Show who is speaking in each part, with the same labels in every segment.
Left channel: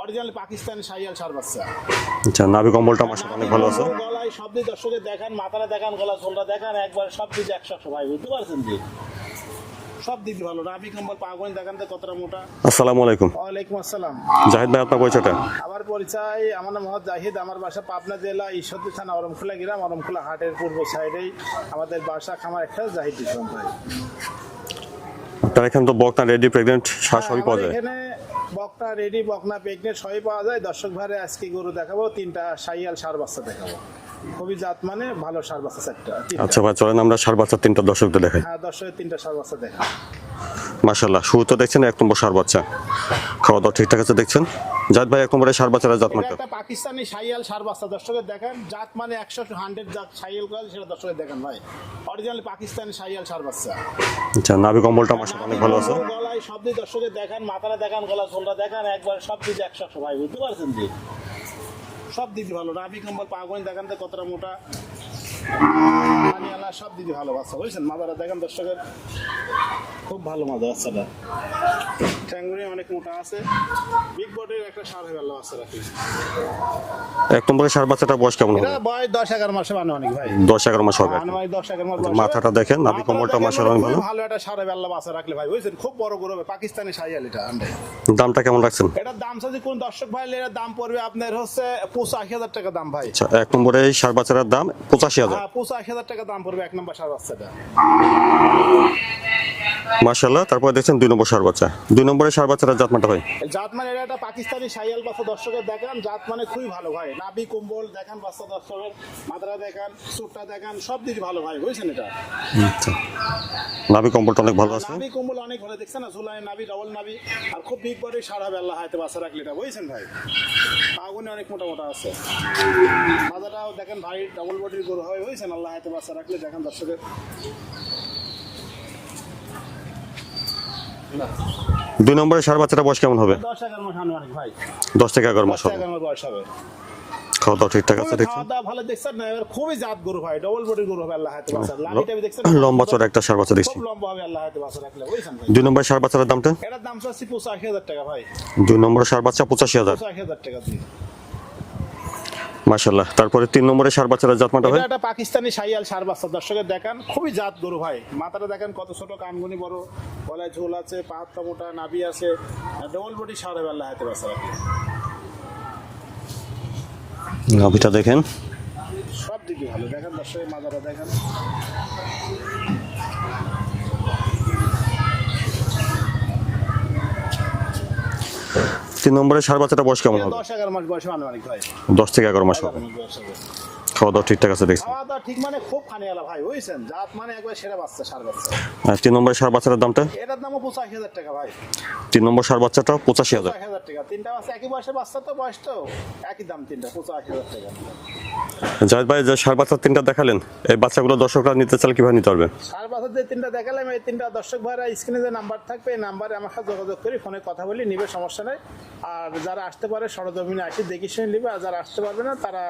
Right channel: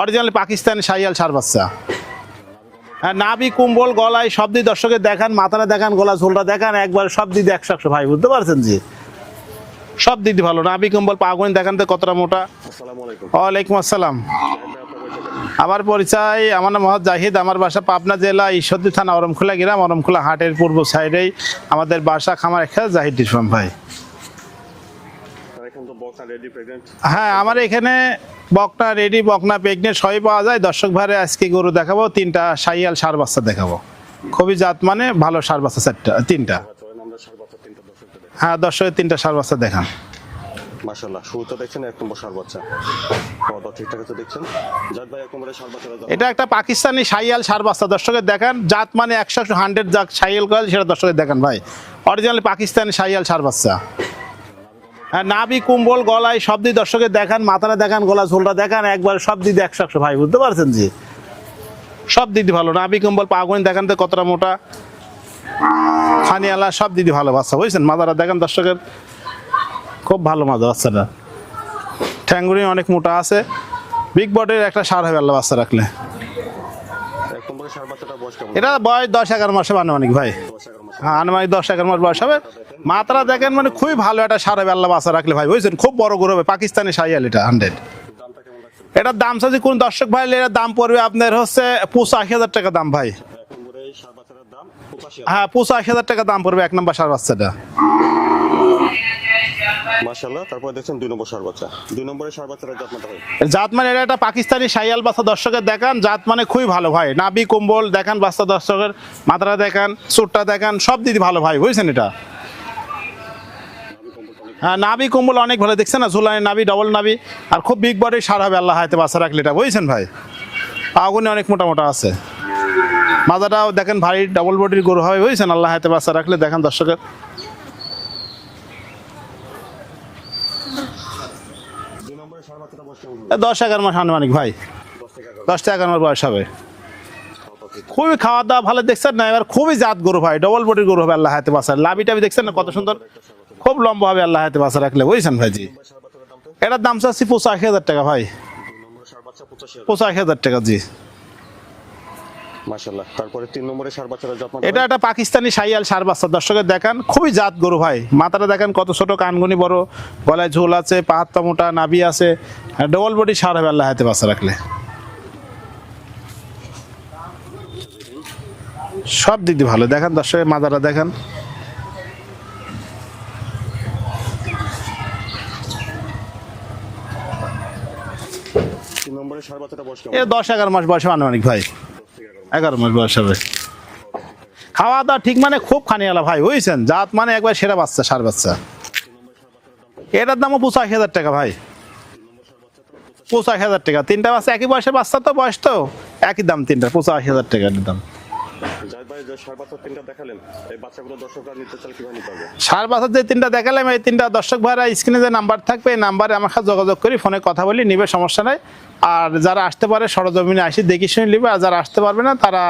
Speaker 1: Original Pakistani সাইয়াল সার বাচ্চা।
Speaker 2: আচ্ছা নাভি কম্বলটা
Speaker 1: আর নাভি কুম্বল গলায় সব দিয়ে দর্শকের দেখান মাথাটা দেখান গলা ঝোলটা দেখান একবার সব দিদি একশো একশো ভাই বুঝতে পারছেন জি? সব দিদি ভালো। নাভি কুম্বল পাগুনি দেখান তো কতটা মোটা।
Speaker 2: আসসালামু আলাইকুম।
Speaker 1: ওয়ালাইকুম আসসালাম।
Speaker 2: জাহিদ ভাই আপনার পরিচয়টা?
Speaker 1: আমার পরিচয় আমার নাম মোহাম্মদ জাহিদ আমার বাসা পাবনা জেলা ঈশ্বরদী থানা অরমখোলা গ্রাম অরমখোলা হাটের পূর্ব সাইডেই আমাদের বাসা খামার একটা জাহিদ ইসলাম ভাই।
Speaker 2: আপনার এখানে তো বকনা রেডি প্রেগনেন্ট
Speaker 1: হ্যাঁ আমার এখানে বকনা রেডি বকনা প্রেগনেন্ট সবই পাওয়া যায়। দর্শক ভাইরে আজকে গরু দেখাবো তিনটা সাইয়াল সার বাচ্চা দেখাবো। খুবই জাত মানে ভালো সার বাচ্চা চারটা তিনটা।
Speaker 2: আচ্ছা ভাই চলেন আমরা সার বাচ্চা তিনটা দর্শকদের দেখাই।
Speaker 1: হ্যাঁ দর্শকের তিনটা সার বাচ্চা দেখা
Speaker 2: মাশাল্লাহ শুরুতে দেখছেন এক নম্বর সার বাচ্চা। খাওয়া দাওয়া ঠিকঠাক আছে দেখছেন? জাহিদ ভাই এক নম্বরে সার বাচ্চারা জাত
Speaker 1: এটা একটা পাকিস্তানি সাইয়াল সার বাচ্চা দর্শকের দেখান। জাত মানে একশো হান্ড্রেড জাত সাইয়াল করে সেটা দর্শকের দেখান ভাই। অরিজিনাল পাকিস্তানি সাইয়াল সার বাচ্চা।
Speaker 2: আচ্ছা নাভি কম্বলটা
Speaker 1: নাভি কুম্বল গলায় সব দিয়ে দর্শকের দেখান মাথাটা দেখান গলা ঝোলটা দেখান একবার সব দিদি একশো একশো ভাই বুঝতে পারছেন জি? সব দিদি ভালো নাভি কুম্বল পাগুনি দেখান তো কতটা মোটা। খানিয়ালা সব দিদি ভালো বাচ্চা বুঝছেন? মাথাটা দেখান দর্শকের। খুব ভালো মাজা বাচ্চাটা। ঠ্যাঙ্গুরি অনেক মোটা আছে। বিগ বডের একটা সার হবে আল্লাহ বাচ্চা রাখলে।
Speaker 2: এক নম্বরে সার বাচ্চাটা বয়স কেমন
Speaker 1: এটা বয়স দশ এগারো মাসে আনুমানিক ভাই।
Speaker 2: দশ এগারো মাস হবে।
Speaker 1: হ্যাঁ, আনুমানিক দশ এগারো মাস বয়স হবে।
Speaker 2: দেখেন,
Speaker 1: মাথাটা দেখেন মানে খুবই ভালো একটা সার হবে আল্লাহ রাখলে ভাই বুঝছেন? খুব বড় গরু হবে পাকিস্তানি সাইয়াল এটা হান্ড্রেড
Speaker 2: দামটা কেমন রাখছেন?
Speaker 1: এটার দাম চাচ্ছি কোন দর্শক ভাই দাম পড়বে আপনার হচ্ছে পঁচাশি হাজার টাকা দাম ভাই।
Speaker 2: আচ্ছা এক নম্বরে এই সার বাচ্চাটার দাম পঁচাশি হাজার।
Speaker 1: হ্যাঁ পঁচাশি হাজার টাকা দাম পড়বে এক নম্বর সার বাচ্চাটা।
Speaker 2: মাশাল্লাহ তারপরে দেখছেন দুই নম্বর সার বাচ্চা। দুই নম্বরে সার বাচ্চারা জাতমাটা ভাই?
Speaker 1: জাত মানে এটা একটা পাকিস্তানি সাইয়াল বাচ্চা দর্শকের দেখান। জাত মানে খুবই ভালো ভাই। নাবি কম্বল দেখান বাচ্চা দর্শকের। মাথাটা দেখান চুটটা দেখান সব দিদি ভালো ভাই বুঝছেন এটা?
Speaker 2: আচ্ছা। নাভি কম্বলটা অনেক ভালো
Speaker 1: হ্যাঁ। নাবি কম্বল অনেক ভালো। দেখছেন না ঝুলানি নাবি ডবল নাবি আর খুব বিগ বডি সার হবে আল্লাহ হাতে বাচ্চা রাখলে এটা বুঝছেন ভাই? আগুনে অনেক মোটা মোটা আছে। মাজাটাও দেখেন ভারী ডবল বডির গরু হবে বুঝছেন? আল্লাহ হাতে বাচ্চা রাখলে দেখেন দর্শকের।
Speaker 2: দুই নম্বরে সার বাচ্চাটা বয়স কেমন হবে?
Speaker 1: দশ এগারো মাস আনুমানিক ভাই।
Speaker 2: দশ থেকে এগারো দশ
Speaker 1: থেকে এগারো মাস বয়স হবে।
Speaker 2: খাওয়া দাওয়া ঠিকঠাক
Speaker 1: খুবই খাওয়া দাওয়া ভালো দেখছেন না এবার খুবই জাত গরু ভাই ডবল বডির গরু হবে আল্লাহ হাতে বাচ্চা লাভি টাবি দেখছেন না
Speaker 2: লম্বা
Speaker 1: সুন্দর?
Speaker 2: একটা সার বাচ্চা
Speaker 1: খুব লম্বা হবে আল্লাহ হাতে বাচ্চা রাখলে বুঝছেন ভাই?
Speaker 2: দুই নম্বর সার বাচ্চার দামটা?
Speaker 1: এটার দাম চাচ্ছি পঁচাশি হাজার টাকা ভাই।
Speaker 2: দুই নম্বর সার বাচ্চা পঁচাশি হাজার।
Speaker 1: পঁচাশি হাজার টাকা জি।
Speaker 2: মাশাল্লাহ তারপরে তিন নম্বরে সার বাচ্চারা জাতমাটা
Speaker 1: এটা একটা পাকিস্তানি শাইয়াল সার বাচ্চা। দর্শকের দেখান খুবই জাত গরু ভাই। মাথাটা দেখেন কত ছোট কানগুনি বড় গলায় ঝোল আছে পাহাত্তা মোটা নাভি আছে। ডবল বডি সার হবে আল্লাহ হাতে বাচ্চা রাখলে।
Speaker 2: নাভিটা দেখেন।
Speaker 1: সব দিক দিয়ে ভালো। দেখেন দর্শকের মাথাটা দেখেন।
Speaker 2: তিন নম্বরে সার বাচ্চাটা বয়স কেমন
Speaker 1: দশ এগারো মাস বয়সে আনুমানিক ভাই।
Speaker 2: দশ থেকে এগারো মাস।
Speaker 1: এগারো মাস বয়স হবে।
Speaker 2: খাওয়া দাওয়া ঠিকঠাক আছে
Speaker 1: খাওয়া দাওয়া ঠিক মানে খুব খানিয়ালা ভাই বুঝছেন? জাত মানে একবার সেরা বাচ্চা সার বাচ্চা।
Speaker 2: তিন নম্বরে সার বাচ্চাটার দামটা?
Speaker 1: এটার দামও পঁচাশি হাজার টাকা ভাই।
Speaker 2: তিন নম্বর সার বাচ্চাটা পঁচাশি
Speaker 1: পঁচাশি হাজার টাকা। তিনটা বাচ্চা একই বয়সের বাচ্চা তো বয়স তো একই দাম তিনটা পঁচাশি হাজার টাকার দাম।
Speaker 2: জাহিদ ভাই যে সার বাচ্চা তিনটা দেখালেন এই বাচ্চাগুলো দর্শকরা নিতে চাইলে কীভাবে নিতে পারবে?
Speaker 1: সার বাচ্চার যে তিনটা দেখালাম এই তিনটা দর্শক ভাইরা স্ক্রিনে যে নাম্বার থাকবে এই নাম্বারে আমার সাথে যোগাযোগ করি ফোনে কথা বলি নিবে সমস্যা নাই। আর যারা আসতে পারে সরজমিনে আসি দেখি শুনে নিবে। আর যারা আসতে পারবে না তারা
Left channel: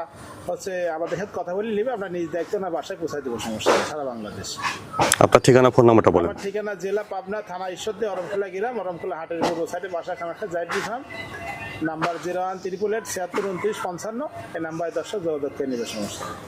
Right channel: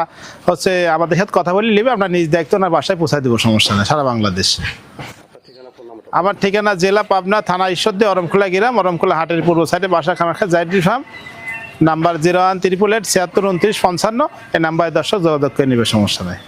Speaker 1: হচ্ছে আমাদের সাথে কথা বলি নিবে। আমরা নিজ দায়িত্ব না বাসায় পৌঁছায় দেবো সমস্যা নেই সারা বাংলাদেশ।
Speaker 2: আপনার ঠিকানা ফোন নাম্বারটা
Speaker 1: আমার ঠিকানা জেলা পাবনা থানা ঈশ্বরদী অরমখোলা গ্রাম অরমখোলা হাটের পূর্ব সাইডে বাসা খামাখা জাইডি farm. Number zero one triple eight ছিয়াত্তর, উনত্রিশ, পঞ্চান্ন। এই নাম্বারে দর্শক যোগাযোগ করে নেবে, সমস্যা নেই।